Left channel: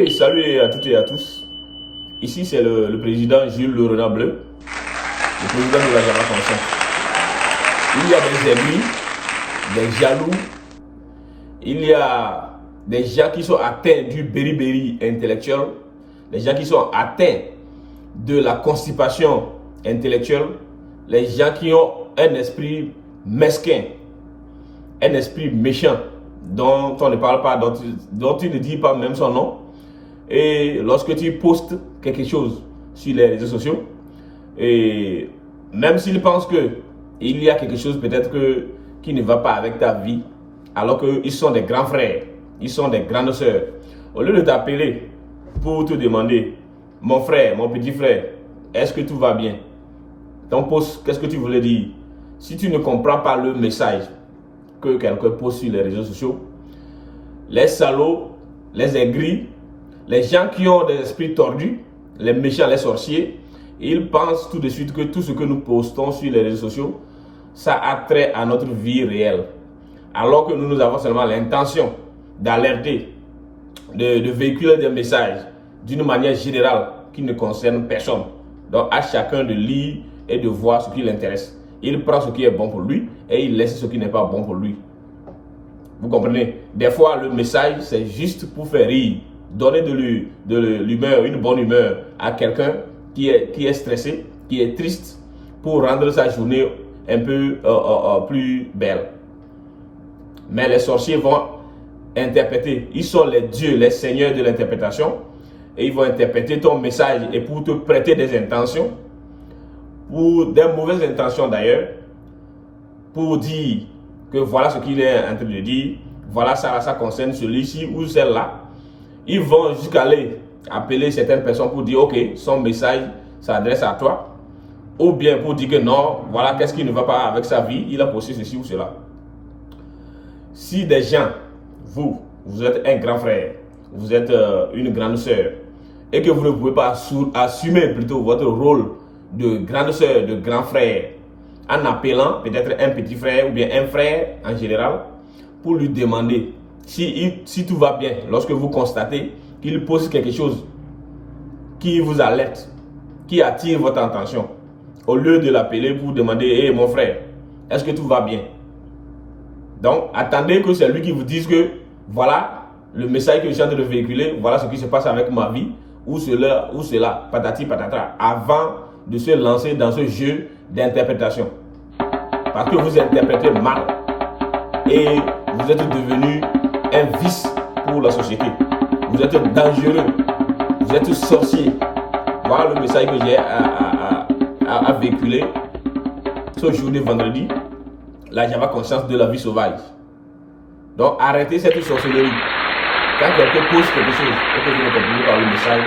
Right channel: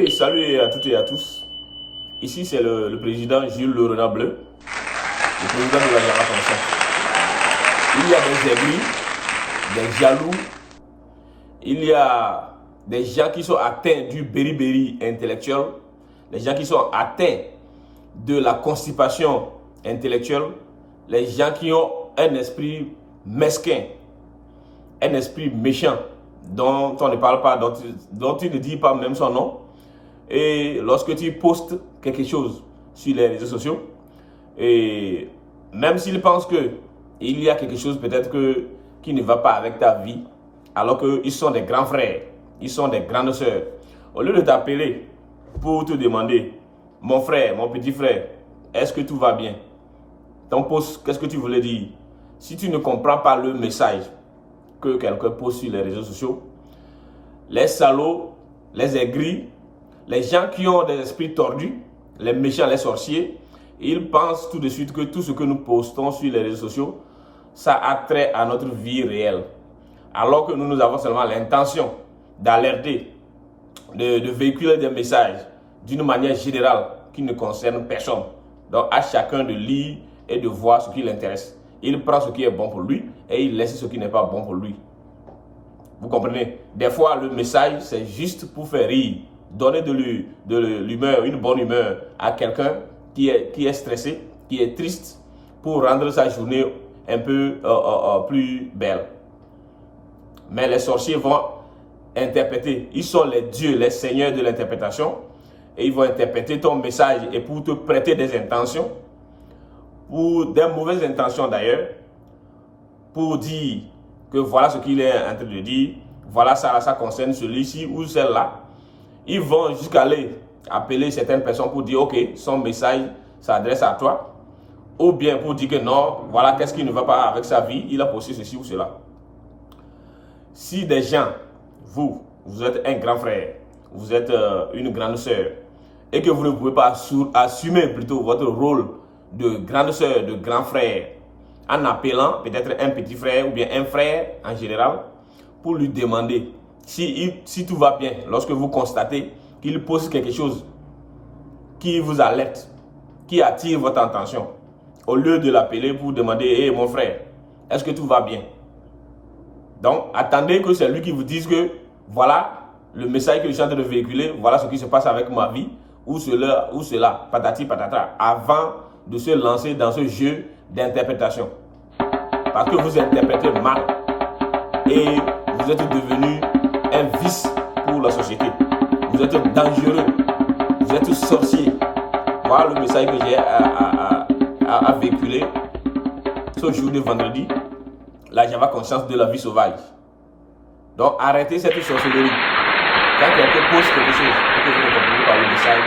Et salut à toutes et à tous. Ici, c'est le président Jules Le Renard Bleu, le président de la Java Conscience. Il y a des ennemis, des jaloux, il y a des gens qui sont atteints du beriberi intellectuel, des gens qui sont atteints de la constipation intellectuelle, les gens qui ont un esprit mesquin, un esprit méchant, dont on ne parle pas, dont il ne dit pas même son nom. Et lorsque tu postes quelque chose sur les réseaux sociaux, et même s'ils pensent qu'il y a quelque chose peut-être qui ne va pas avec ta vie, alors qu'ils sont des grands frères, ils sont des grandes sœurs, au lieu de t'appeler pour te demander, mon frère, mon petit frère, est-ce que tout va bien? Ton post, qu'est-ce que tu voulais dire? Si tu ne comprends pas le message que quelqu'un poste sur les réseaux sociaux, les salauds, les aigris, les gens qui ont des esprits tordus, les méchants, les sorciers, ils pensent tout de suite que tout ce que nous postons sur les réseaux sociaux, ça a trait à notre vie réelle. Alors que nous avons seulement l'intention d'alerter, de véhiculer des messages d'une manière générale qui ne concerne personne. Donc à chacun de lire et de voir ce qui l'intéresse. Il prend ce qui est bon pour lui et il laisse ce qui n'est pas bon pour lui. Vous comprenez? Des fois, le message, c'est juste pour faire rire. Donner de l'humeur, une bonne humeur à quelqu'un qui est stressé, qui est triste, pour rendre sa journée un peu plus belle. Mais les sorciers vont interpréter, ils sont les dieux, les seigneurs de l'interprétation, et ils vont interpréter ton message et pour te prêter des intentions, pour des mauvaises intentions d'ailleurs, pour dire que voilà ce qu'il est en train de dire, voilà ça concerne celui-ci ou celle-là. Ils vont jusqu'à aller appeler certaines personnes pour dire ok, son message s'adresse à toi, ou bien pour dire que non, voilà qu'est-ce qui ne va pas avec sa vie, il a posté ceci ou cela. Si des gens, vous êtes un grand frère, vous êtes une grande sœur, et que vous ne pouvez pas assumer plutôt votre rôle de grande sœur, de grand frère, en appelant peut-être un petit frère ou bien un frère en général, pour lui demander si tout va bien, lorsque vous constatez qu'il pose quelque chose qui vous alerte, qui attire votre attention, au lieu de l'appeler pour demander, hey, mon frère, est-ce que tout va bien? Donc, attendez que c'est lui qui vous dise que voilà le message que je suis en train de véhiculer, voilà ce qui se passe avec ma vie, ou cela, patati patata, avant de se lancer dans ce jeu d'interprétation. Parce que vous interprétez mal et vous êtes devenu un vice pour la société. Vous êtes dangereux, vous êtes sorcier. Voilà le message que j'ai à véhiculer ce jour de vendredi, la Java Conscience de la vie sauvage. Donc arrêtez cette sorcellerie. Quand quelqu'un pose quelque chose et que vous ne comprenez pas le message,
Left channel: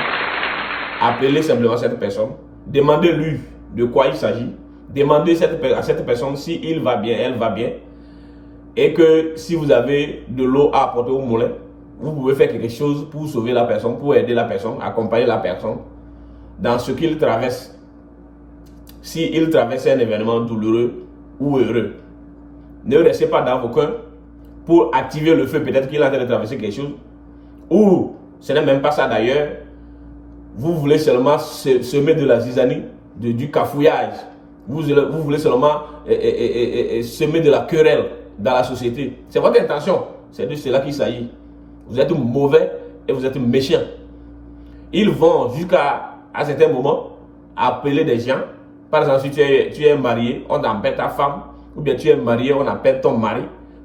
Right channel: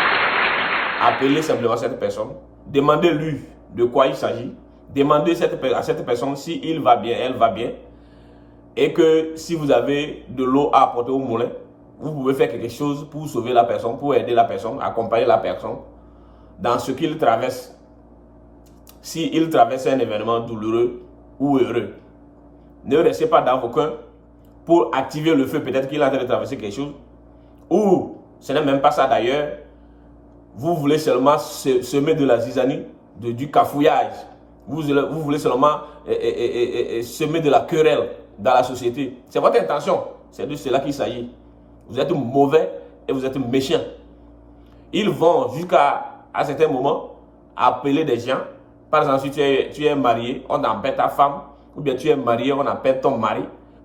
appelez simplement cette personne, demandez-lui de quoi il s'agit, demandez à cette personne si il va bien, elle va bien, et que si vous avez de l'eau à apporter au moulin, vous pouvez faire quelque chose pour sauver la personne, pour aider la personne, accompagner la personne dans ce qu'il traverse. S'il traverse un événement douloureux ou heureux, ne restez pas dans vos coins pour activer le feu. Peut-être qu'il est en train de traverser quelque chose, ou ce n'est même pas ça d'ailleurs. Vous voulez seulement semer de la zizanie, du cafouillage. Vous voulez seulement semer de la querelle dans la société. C'est votre intention. C'est de cela qu'il s'agit. Vous êtes mauvais et vous êtes méchant. Ils vont jusqu'à certains moments appeler des gens. Par exemple, si tu es marié, on appelle ta femme. Ou bien tu es marié, on appelle ton mari.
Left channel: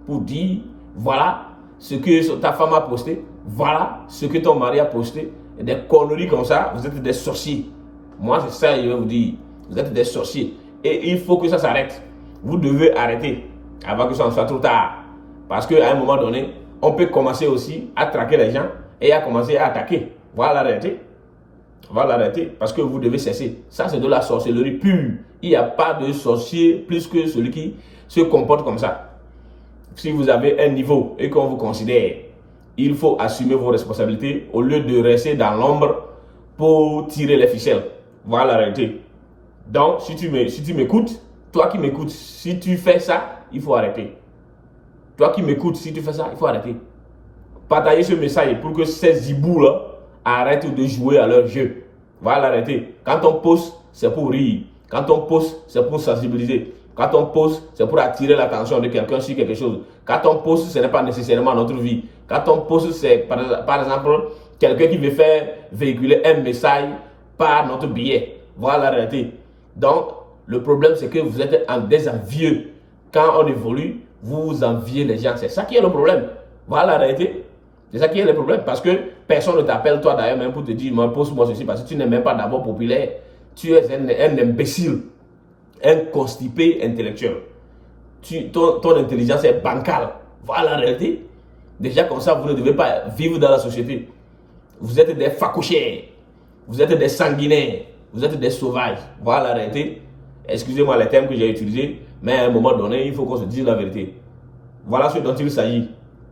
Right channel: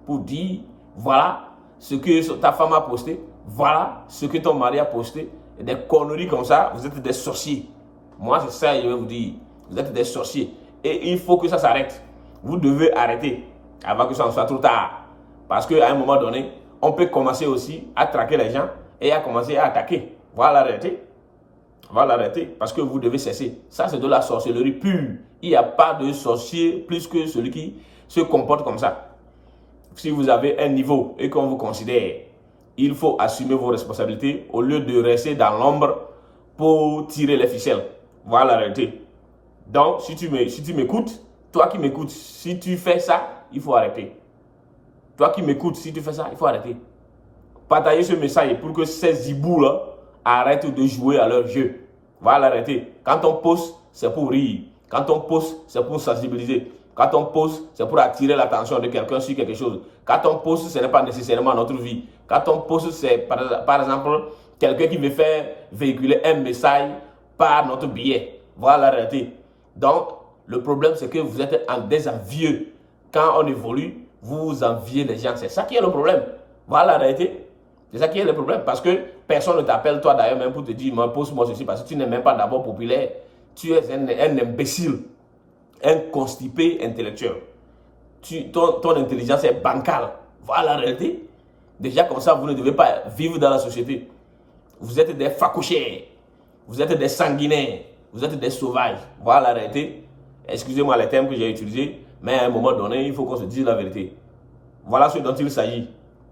Pour dire, voilà ce que ta femme a posté. Voilà ce que ton mari a posté. Et des conneries comme ça, vous êtes des sorciers. Moi, c'est ça que je vais vous dire. Vous êtes des sorciers. Et il faut que ça s'arrête. Vous devez arrêter avant que ça ne soit trop tard. Parce qu'à un moment donné, on peut commencer aussi à traquer les gens et à commencer à attaquer. Voilà l'arrêter. Voilà l'arrêter. Parce que vous devez cesser. Ça, c'est de la sorcellerie pure. Il n'y a pas de sorcier plus que celui qui se comporte comme ça. Si vous avez un niveau et qu'on vous considère, il faut assumer vos responsabilités au lieu de rester dans l'ombre pour tirer les ficelles. Voilà la réalité. Donc, si tu m'écoutes, toi qui m'écoutes, si tu fais ça, il faut arrêter. Toi qui m'écoutes, si tu fais ça, il faut arrêter. Partagez ce message pour que ces hiboux-là arrêtent de jouer à leur jeu. Voilà, arrêtez. Quand on poste, c'est pour rire. Quand on poste, c'est pour sensibiliser. Quand on poste, c'est pour attirer l'attention de quelqu'un sur quelque chose. Quand on poste, ce n'est pas nécessairement notre vie. Quand on poste, c'est par exemple quelqu'un qui veut faire véhiculer un message par notre biais. Voilà la réalité. Donc, le problème, c'est que vous êtes des envieux. Quand on évolue, vous enviez les gens. C'est ça qui est le problème. Voilà la réalité. C'est ça qui est le problème. Parce que personne ne t'appelle, toi d'ailleurs, même pour te dire, poste-moi ceci, parce que tu n'es même pas d'abord populaire. Tu es un imbécile, un constipé intellectuel. Ton intelligence est bancale. Voilà la réalité. Déjà comme ça, vous ne devez pas vivre dans la société. Vous êtes des facouchères. Vous êtes des sanguinaires. Vous êtes des sauvages. Voilà la réalité. Excusez-moi les termes que j'ai utilisés, mais à un moment donné, il faut qu'on se dise la vérité. Voilà ce dont il s'agit.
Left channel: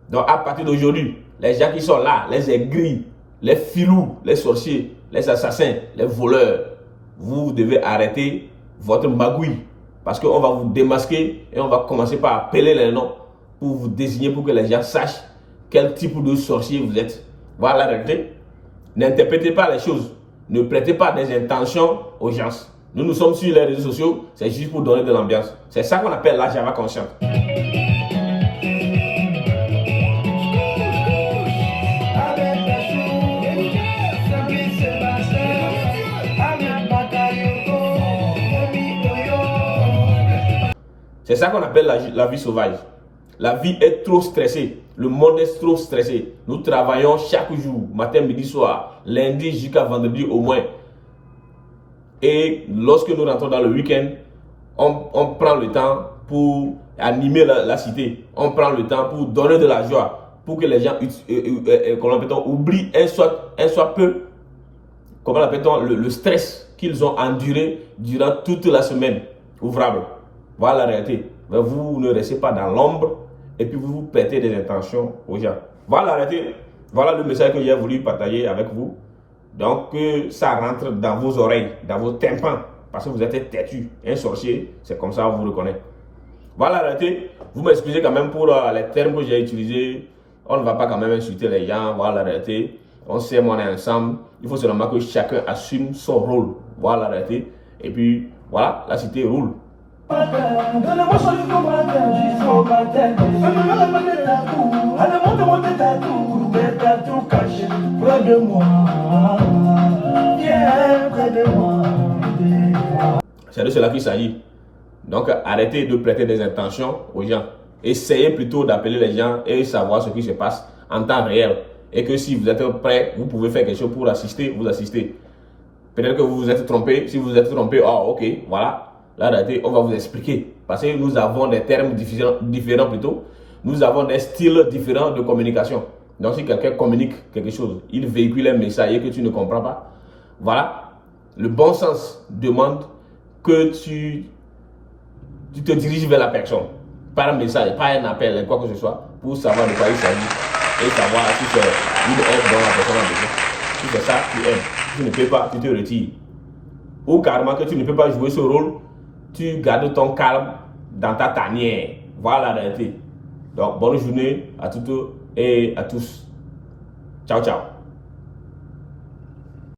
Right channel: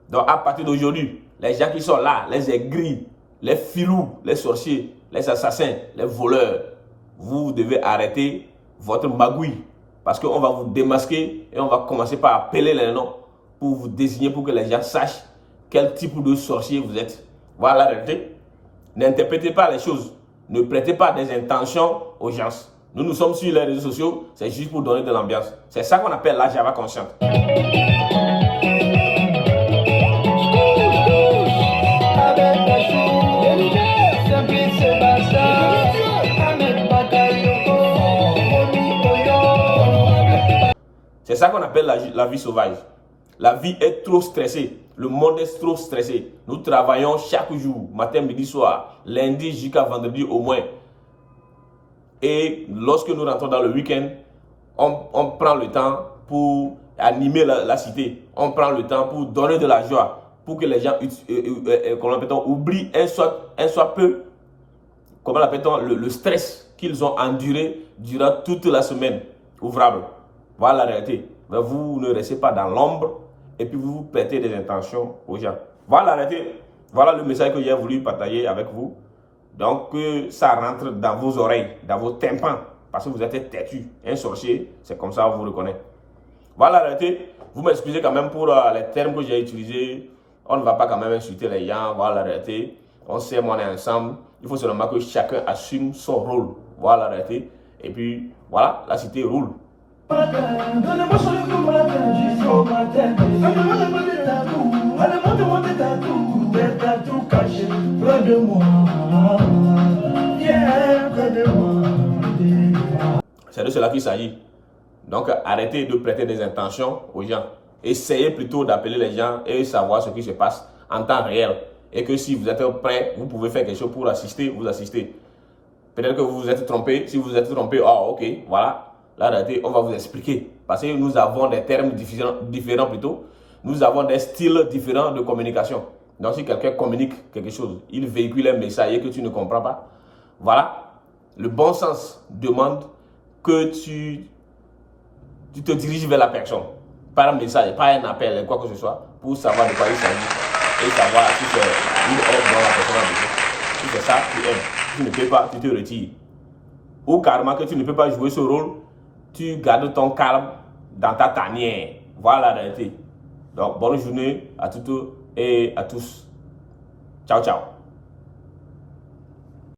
Donc à partir d'aujourd'hui, les gens qui sont là, les aigris, les filous, les sorciers, les assassins, les voleurs, vous devez arrêter votre magouille. Parce qu'on va vous démasquer et on va commencer par appeler les noms pour vous désigner, pour que les gens sachent quel type de sorcier vous êtes. Voilà la réalité. N'interprétez pas les choses. Ne prêtez pas des intentions aux gens. Nous sommes sur les réseaux sociaux, c'est juste pour donner de l'ambiance. C'est ça qu'on appelle la Java consciente. C'est ça qu'on appelle la vie sauvage. La vie est trop stressée. Le monde est trop stressé. Nous travaillons chaque jour, matin, midi, soir, lundi jusqu'à vendredi au moins. Et lorsque nous rentrons dans le week-end, on prend le temps pour animer la cité. On prend le temps pour donner de la joie, pour que les gens oublient un soit peu, comment l'appelle-t-on, le stress qu'ils ont enduré durant toute la semaine ouvrable. Voilà la réalité. Mais vous ne restez pas dans l'ombre et puis vous prêtez des intentions aux gens. Voilà la réalité. Voilà le message que j'ai voulu partager avec vous. Donc, ça rentre dans vos oreilles, dans vos tympans, parce que vous êtes têtu. Un sorcier, c'est comme ça on vous reconnaît. Voilà la réalité. Vous m'excusez quand même pour les termes que j'ai utilisés. On ne va pas quand même insulter les gens. Voilà la réalité. On sait, on est ensemble. Il faut seulement que chacun assume son rôle. Voilà la réalité. Et puis, voilà, la cité roule. C'est de cela qu'il s'agit. Donc arrêtez de prêter des intentions aux gens. Essayez plutôt d'appeler les gens et savoir ce qui se passe en temps réel. Et que si vous êtes prêt, vous pouvez faire quelque chose pour assister, vous assistez. Peut-être que vous vous êtes trompé. Si vous vous êtes trompé, ok, voilà. Là, on va vous expliquer. Parce que nous avons des termes différents plutôt. Nous avons des styles différents de communication. Donc, si quelqu'un communique quelque chose, il véhicule un message et que tu ne comprends pas, voilà. Le bon sens demande que tu te diriges vers la personne. Par un message, par un appel, quoi que ce soit, pour savoir de quoi il s'agit. Et savoir si c'est une aide dont la personne a besoin. Si c'est ça, tu aides. Si tu ne peux pas, tu te retires. Ou carrément que tu ne peux pas jouer ce rôle, tu gardes ton calme dans ta tanière. Voilà la réalité. Donc, bonne journée à toutes et à tous. Ciao, ciao.